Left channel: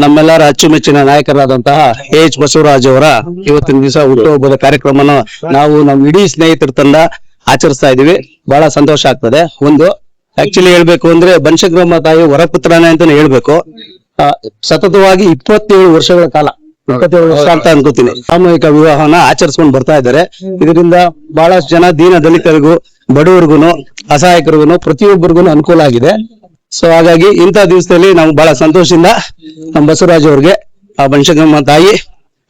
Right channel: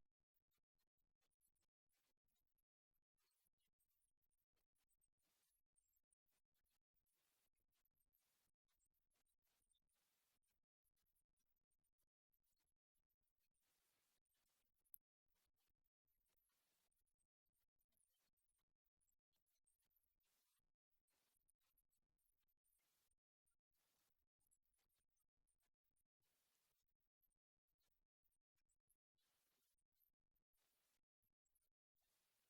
ನಮ್ಮೆಲ್ಲರ ಅಚ್ಚುಮೆಚ್ಚಿನ ನಾಯಕರಾದಂತಹ ಎಚ್ ಬಸವರಾಜ್ ಅವರ ಇವತ್ತಿನ ದಿವಸ ಹುಟ್ಟುಹಬ್ಬದ ಕಾರ್ಯಕ್ರಮನ ನಾವು ನಮ್ಮ ಇಡೀ ಸ್ನೇಹಿತರ ತಂಡ ಆಚರಿಸ್ತಾ ಇದೀವಿ. ಬಹಳ ಸಂತೋಷ ಆಗ್ತದೆ. ಒಂದು ಆಕ್ಚುಲಿ ಹೇಳ್ಬೇಕು ಅಂದ್ರೆ ಬನಶಂಕರಮ್ಮ ತಾಯಿ ವರಪುತ್ರನೇ ಅಂತಾನೆ ಹೇಳ್ಬೇಕು. ಸತತವಾಗಿ 27 ವರ್ಷಗಳ ಕಾಲ 27 ವರ್ಷ ಅಂತ ಅನ್ಕೋತೀನಿ ಸಾಮೂಹಿಕ ವಿವಾಹನ ಆಚರಿಸ್ಕೊಂಡು ಬರ್ತಾ ಇದ್ದಾರೆ. ಇದರಿಂದ ಬಹಳಷ್ಟು ಜನ ದೀನ ದಲಿತರಿಗೂ ಬಡವರಿಗೂ ಅಸಹಾಯಕರಿಗೂ ಪ್ರತಿಯೊಬ್ಬರಿಗೂ ಅನುಕೂಲ ಆಗಿದೆ. ಸೊ ಹಾಗಾಗಿ ಇಂಥ ದಿವಸದಲ್ಲಿ ನಾವು ಬಹಳ ಸಂತೋಷದಿಂದ ನಮ್ಮ ಬಸವರಾಜ್ ಅವ್ರಿಗೆ ಆ ಬನಶಂಕರಮ್ಮ ತಾಯಿ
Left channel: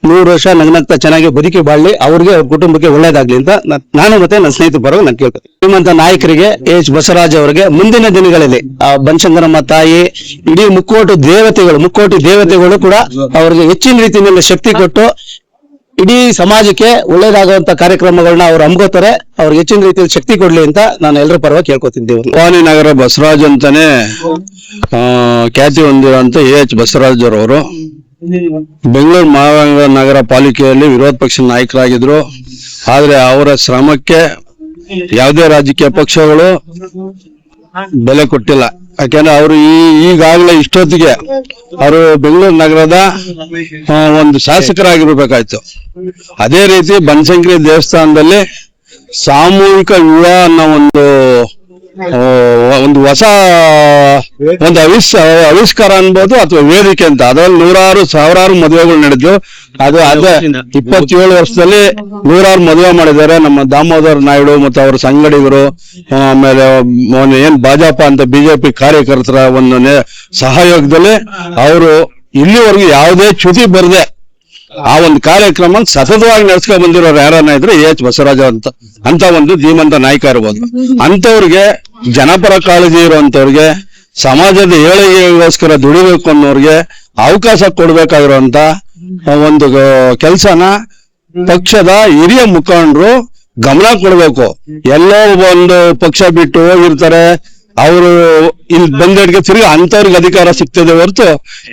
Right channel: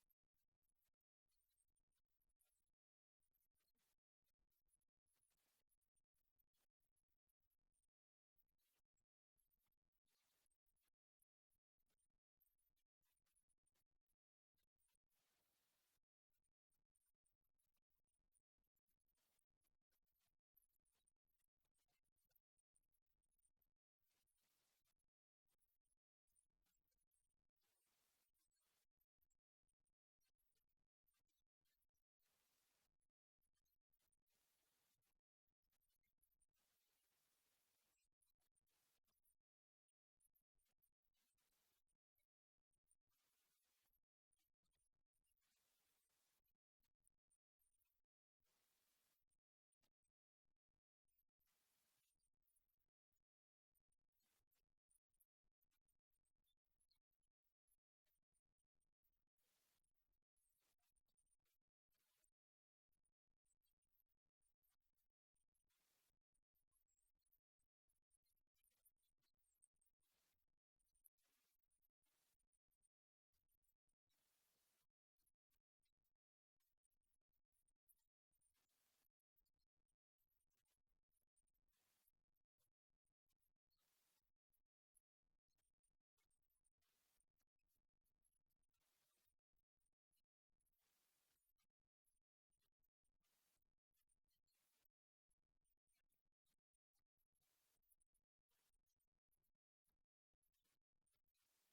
100 ವರ್ಷ ನಗ್ನಗ್ತಾ ಚೆನ್ನಾಗಿ ಬದುಕಿ ಬಾಳ್ಲಿ, ಅವ್ರಿಗೆ ಅವ್ರ ಕುಟುಂಬಕ್ಕೆ ಒಳ್ಳೇದಾಗ್ಲಿ ಅಂತ ನಾನು ಮತ್ತೆ ನನ್ನ ಸ್ನೇಹಿತರ ಪರವಾಗಿ ನಾನು ಕೇಳ್ತೀನಿ. ಶ್ರೀಮಂತ ನಾಯಕರಿಗೆ ಎಚ್ ಬಸವರಾಜ್ ಅವರಿಗೆ ಮುಂದಿನ ದಿನಗಳಲ್ಲಿ ಆ ಬನಶಂಕರಮ್ಮ ತಾಯಿ ಇಡೀ ಮುಕ್ಕೋಟಿ ದೇವತೆಗಳು ಕೂಡ ಅವ್ರಿಗೆ ಹೆಚ್ಚಿನ ರೀತಿಯಲ್ಲಿ ಶಕ್ತಿ ಕೊಟ್ಟು ಇಡೀ ಸಮಾಜಕ್ಕೆ ಒಳ್ಳೇದಾಗುವಂತ ಕಾರ್ಯಕ್ರಮಗಳನ್ನ ಅವ್ರು ಹಮ್ಮಿಕೋತಾರೆ. ಅವ್ರಿಗೆ ಹೆಚ್ಚಿನ ರೀತಿಯಲ್ಲಿ ಶಕ್ತಿ ಕೊಡ್ಲಿ ಅಂತ ನಾನು ಎಲ್ಲರ ಪರವಾಗಿ ಕೇಳ್ಕೊತಿದ್ದೇವೆ. ಭವಾನಿನಗರ ಬಸವರಾಜ್ ಅಂತಾನೆ ಖ್ಯಾತಿ ಹೊಂದಿರುವಂತ ಎಚ್ ಬಸವರಾಜ್ ಅವರು ಬೆಂಗಳೂರು ಮಹಾನಗರ ಪಾಲಿಕೆಯಲ್ಲಿ ವಿರೋಧ ಪಕ್ಷದ ನಾಯಕರಾಗಿದ್ರು. ಆದ್ರೆ ಅವರ ಶ್ರಮಕ್ಕೆ ಯಾವುದೇ ರಾಜಕೀಯ ಪಕ್ಷಗಳು ಬೆಲೆ ಕೊಟ್ಟಿಲ್ಲ. ಯಾಕೆಂದ್ರೆ ಅವರು ಈಗಾಗಲೇ ಇಷ್ಟೊತ್ತಿಗೆ ಅವರು ಬೆಂಗಳೂರು ನಗರದ ಒಂದು ಶಾಸಕರಾಗಿರ್ಬೇಕಾಯ್ತು. ಅದೇ ರೀತಿ ಬನಶಂಕರಿ ದೇವಸ್ಥಾನದಲ್ಲಿ ಸಾಮೂಹಿಕ ವಿವಾಹ ಅನ್ನೋ ಒಂದು ಹೊಸ ಒಂದು ಆವಿಷ್ಕಾರ ಅನ್ಬೋದು ಅಥವಾ ವೇದಿಕೆ ಅಂತ. ಅದರಲ್ಲಿ ಸಾವಿರಾರು ಮದುವೆಗಳು ನಡೆದು ಅದೇ 27 ವರ್ಷದಲ್ಲಿ 100 ಮದುವೆ ಮಾಡಿದ್ದಾರೆ. ನಮ್ಮ ದಾಮೋದರ್ ನಾಯ್ಡು ಮತ್ತು ಅವರ ಸಂಗಡಿಗರು, ಆಮೇಲೆ ಏನ್ ಭಾಜಪ ಅಂತ ಬಿಜೆಪಿ ಕಾರ್ಯಕರ್ತರ ಒಂದು ಸಹಯೋಗದಲ್ಲಿ ಅವರು ಇಲ್ಲಿವರೆಗೂ ಯಾವುದೇ ಚ್ಯುತಿ ಬರದೆ ಆ ಒಂದು ಕಾರ್ಯಕ್ರಮ ಸತತವಾಗಿ ನಡೆಸ್ಕೊಂಡ್ ಬಂದಿರೋರು ಯಾರನ್ನ ಇದ್ರೆ ಎಚ್ ಬಸವರಾಜ ಅಂತ ಒಂದು ಧೀಮಂತ ನಾಯಕ ಇರ್ಬೋದು. ಅಂತವ್ರಿಗೆ ಜನಪರ ಕಾಳಜಿ ಇರುವಂತವ್ರಿಗೆ, ಸಮಾಜದ ಏಳಿಗೆಗೋಸ್ಕರ ದುಡಿಬೇಕು ಅನ್ನೋರ್ಗೆ ಅವಕಾಶ ಕೊಡ್ಬೇಕಾಗಿರುವಂತ ಒಂದು ಕೆಲ್ಸನ ಪಕ್ಷದ ಹಿರಿಯ ಮುಖಂಡರು ಗಮನ ಕೊಡ್ಬೇಕು. ಎಲ್ಲೋ ಒಂದು ಪಕ್ಷ ಬಿಟ್ಟು ಹೋಗಿರ್ತಾರೆ, ಅವರು ಇಲ್ಲಿ ಬಂದವರಿಗೆ ತಿರುಗಿ ಅಂತವ್ರಿಗೆ ಅಧಿಕಾರ ಸಿಗ್ತದೆ ಹೊರತು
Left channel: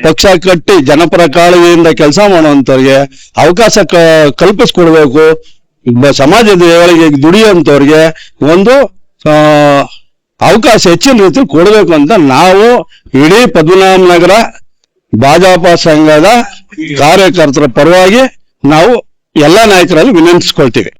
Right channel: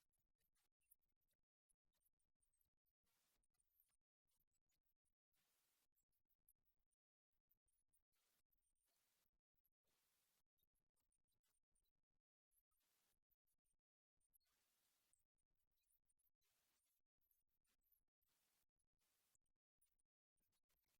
ಪಕ್ಷ ಕಟ್ಟಿ ಜನಪರ ಕಾಳಜಿಯಿಂದ ಕೆಲಸ ಮಾಡುವಂತವ್ರಿಗೆ ಅವಕಾಶ ಕಲ್ಪಿಸ್ಕೊಡ್ಬೇಕು. ಸಮಾಜದ ಏಳಿಗೆಗೆ ದುಡಿಯುವಂತವ್ರಿಗೆ ಒಂದು ಅವಕಾಶ ಹೆಚ್ಚಿನ ರೀತಿ ಕೊಡ್ಬೇಕು ಅಂತ ನಾವು ಇಡೀ ಪದ್ಮನಾಭನಗರ ಭಾಜಪ ಸಂಘದ ಕಾರ್ಯಕರ್ತರ ಪರವಾಗಿ ನಾವು ಎಲ್ಲಾ ನಾಯಕರಲ್ಲಿ ವಿನಂತಿಸ್ಕೊಳ್ತೀವಿ.